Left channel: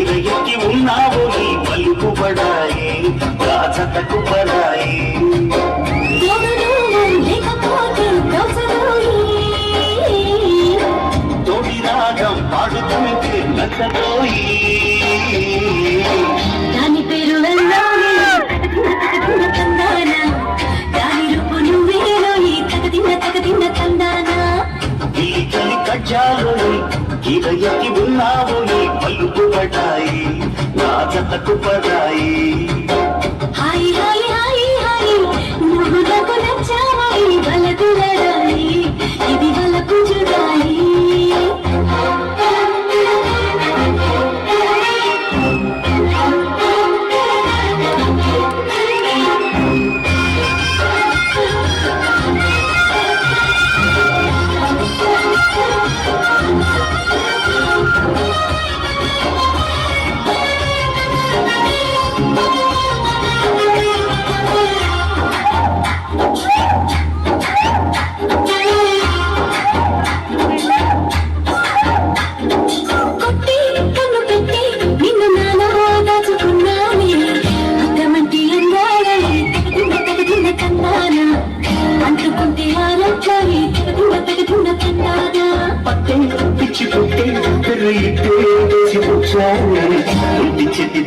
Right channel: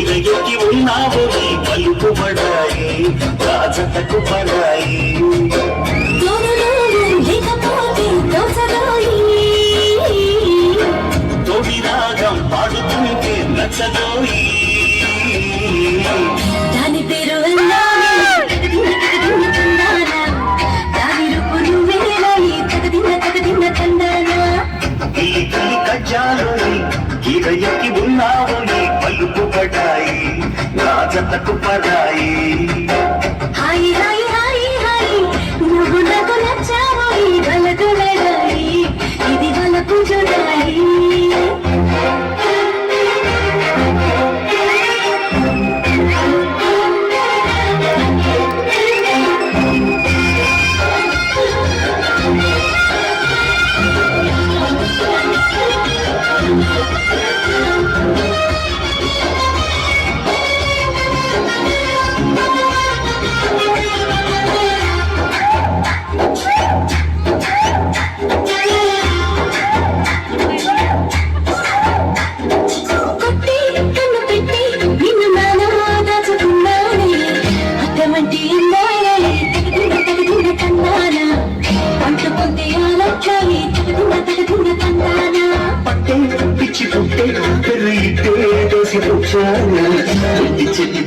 గిరగికి ఉన్నావు ఈ పలుకుబడాయి రాజతకు పడాయి తొడి రాగం పాడుతుంటే నచ్చదోయి దాని పేరు గిరయకి ఉన్నావు నీ పలుకుబడాయి రాజతకు పడాయి హాయి హాయి హాయి హాయి నువ్వు నాకు నచ్చాయి వలకు లడాయి ఇది వలకు జుడాయి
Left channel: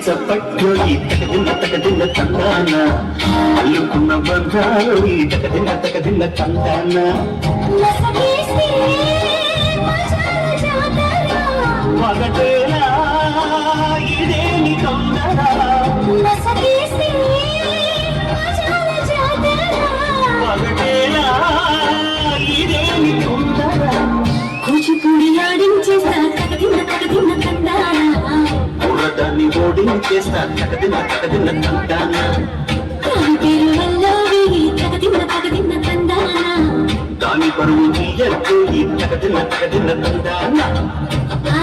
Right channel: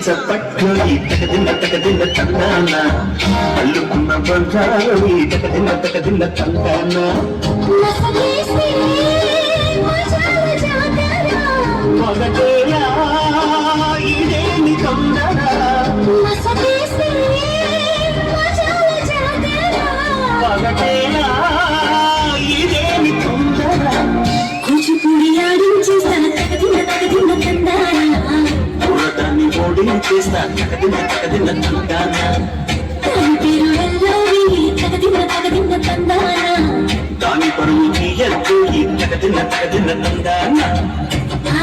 చప్పట్లు ఈ తగదిన్న తందాన అల్లుకున్న బంధాలు ఈ తగదిన్న తందాన మొదటేలా ఇదేని తొందర మొదటేలా ఇదేని తొందర కూచిపూడి ఆడించేస్తా తగదిన్న తందాన దాన్ని ఓడించేస్తా తగదిన్న తందాన దాని పరువు తీయద్దు ఈ తగదిన్న తందాన